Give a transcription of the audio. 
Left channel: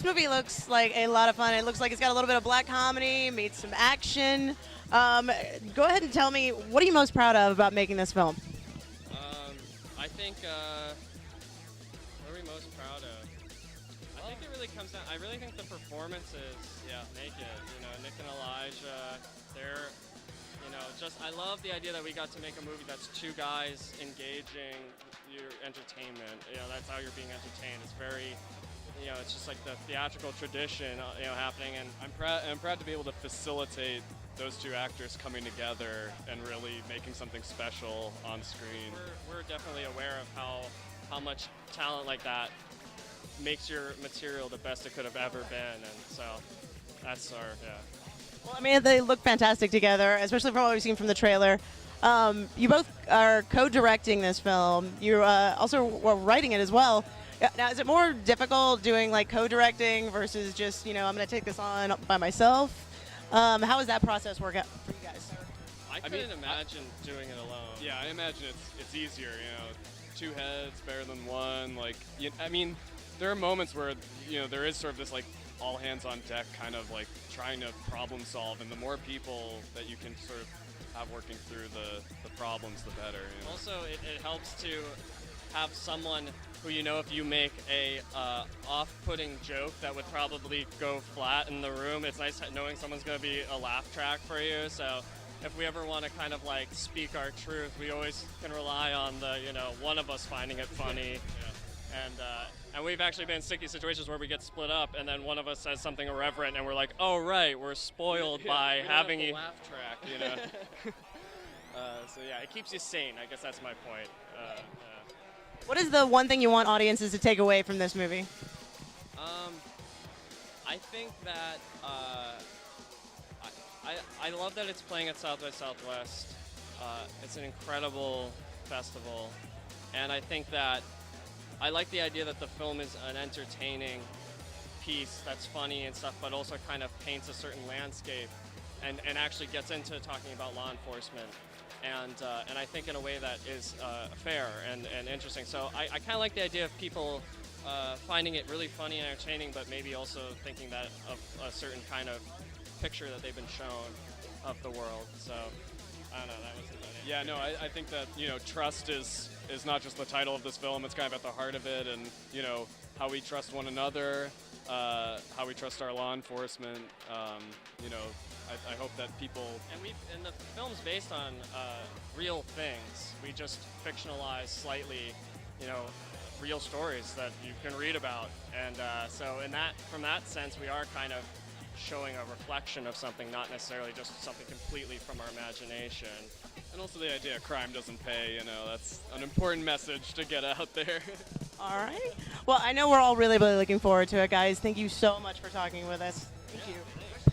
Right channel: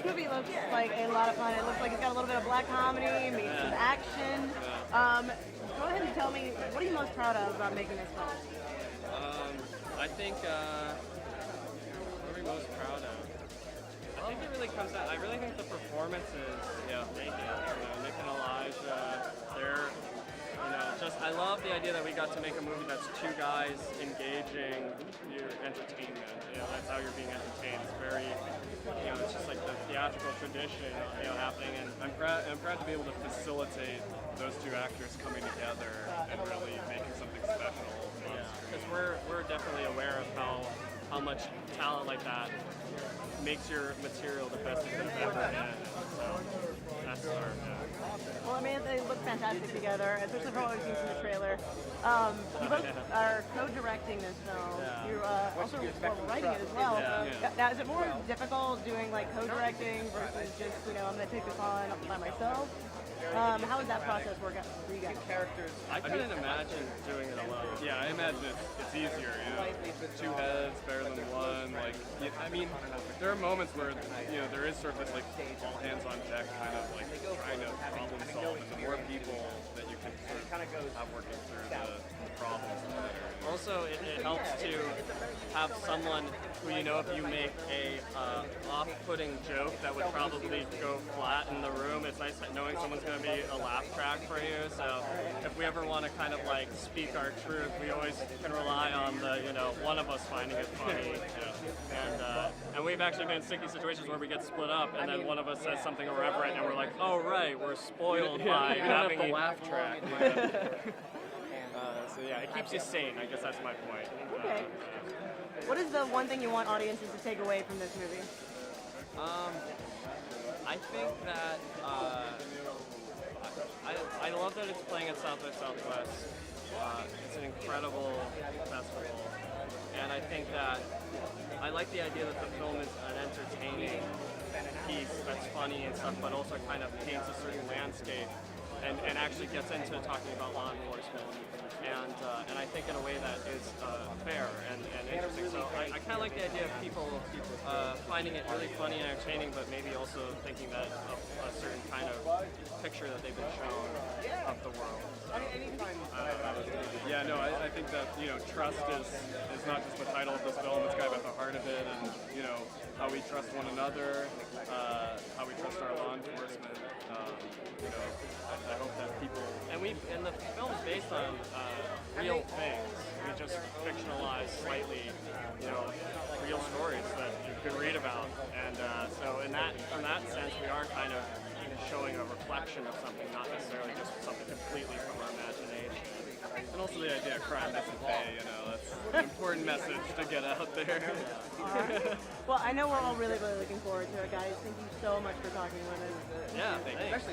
this movie looks like a lot of fun. It looks like it's got a little bit of black comedy, meets some action. Go ahead and tell me, what are you most proud of about making this film? I think, what are we most proud of? I think it really comes out, I really think the performances, they did. Nick and Elijah, I love the idea that we got to make a movie that's two guys engaging your entertainment. That's how you're being entertained. It's very, it's just like the theatrical tradition, happening. And I'm proud to be able to facilitate those two actors coming together and really making something special on screen. We're definitely aware of how much talent like that makes your material the best it could have ever been. And so that's our. Well, I mean, they look fantastic together, especially from what we've seen from the trailer. You both are co-directing this film. You also were writing it as well. Now, is it more difficult doing like co-directing versus just I'm going to take this on by myself? How does that process work out? I couldn't imagine doing it alone. Yeah, I imagine it's easier. Two heads better than one. There are moments where there is sort of this like all hands on deck kind of like trying to problem solve, and the more people that you can sort of have working through the problems, the better. Also, it helps to have someone who if you make a off-putting joke that would probably go flat in the room, it's nice knowing someone's going to be a laugh track for you. So if we ever want to kind of like speak our truth, we always can rely on the one of us finding it funny. And we've actually been in sticky situations where we get split up, and then one of us says something irreverent, and we're like, oh right, we're spoiled by having a laugh track. So it keeps you sane. I guess that's my point. Okay. What is the one thing you want audiences to take away from this movie? I think that I love that it's playing at South by Southwest. It's an incredible festival, and I think that I like the idea that the film is an entertaining piece that's funny and stuff, but also kind of paints a certain landscape and actually gets into talking about law enforcement. And I think in a way that is fair and interesting. So I kind of like the idea of people finding it really funny and entertaining, but maybe also thinking that of a certain kind of picture that they've been shown of the world. So I think that trust is not just the title of this film. It's kind of at the heart of it, and how we trust one another, how we trust our law enforcement. I hope that people and the film's based on real things. We just fictionalize slightly, real stories that you could read about, and so from that sense, we are kind of showing a reflection of something, not necessarily just something completely from our imagination. And also the idea of crime doesn't pay. That's an important message to get out there. All right. Well, I know we're all really, really looking forward to it, guys. Thank you so much for talking with us. Yeah, thank you.